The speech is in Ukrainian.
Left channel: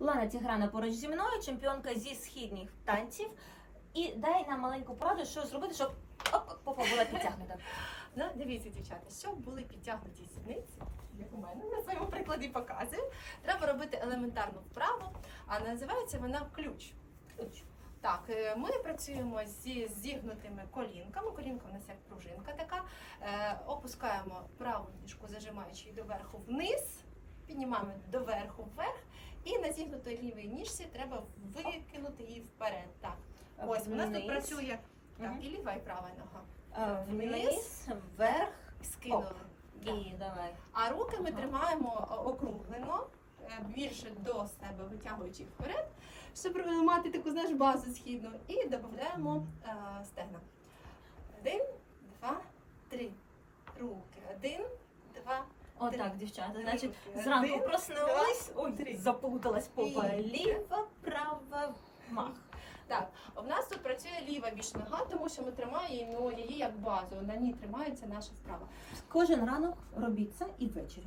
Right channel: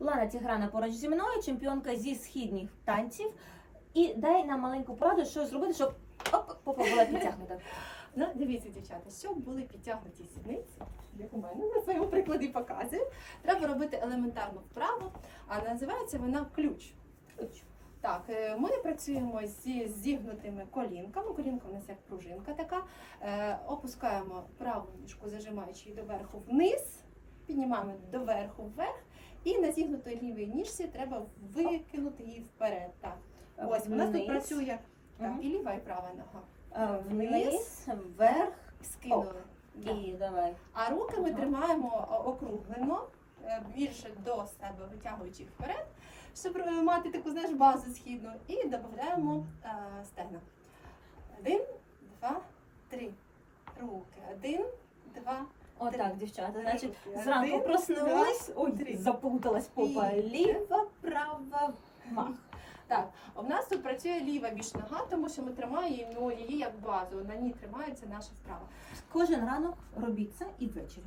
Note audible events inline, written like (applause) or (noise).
Лана Тіграна поруч зі мною, чемпіонка зі східних танців. І дай нам маленьку пораду, що зробити, щоб оп, попа була підтягнута. (laughs) Ну, дивіться, дівчата, щоб були підтягнуті сідниці, як у мене на своєму прикладі показую, треба робити елементарну вправу, а називається вона ключ. Так, е, ми працюємо зі зігнутими колінками. Колінка у нас як пружинка така. Е, Опускаємо праву ніжку, зажимаючи її доверху вниз, піднімаємо доверху вверх, і на зігнутій лівій ніжці треба викинути її вперед. Так, ось у нас тут працює так, і ліва, і права нога. Вниз, вверх Скинули. І давай. А руки ми тримаємо округлено, е, більше до себе витягуючи вперед, щоб е, мати таку знаєш, базу східну. І додаємо е, стегна. Один, два, три. Руки. Один, два, Отак, дівчата. Значить, зранку проснулась. Ой, заплуталась попа. Ліва, права, мах. Так, у нас тут працює ліва більш нога, тому що ми тримаємо її як базу. На ній тримається наша вправа. Кожен ранок робіть це і ввечері.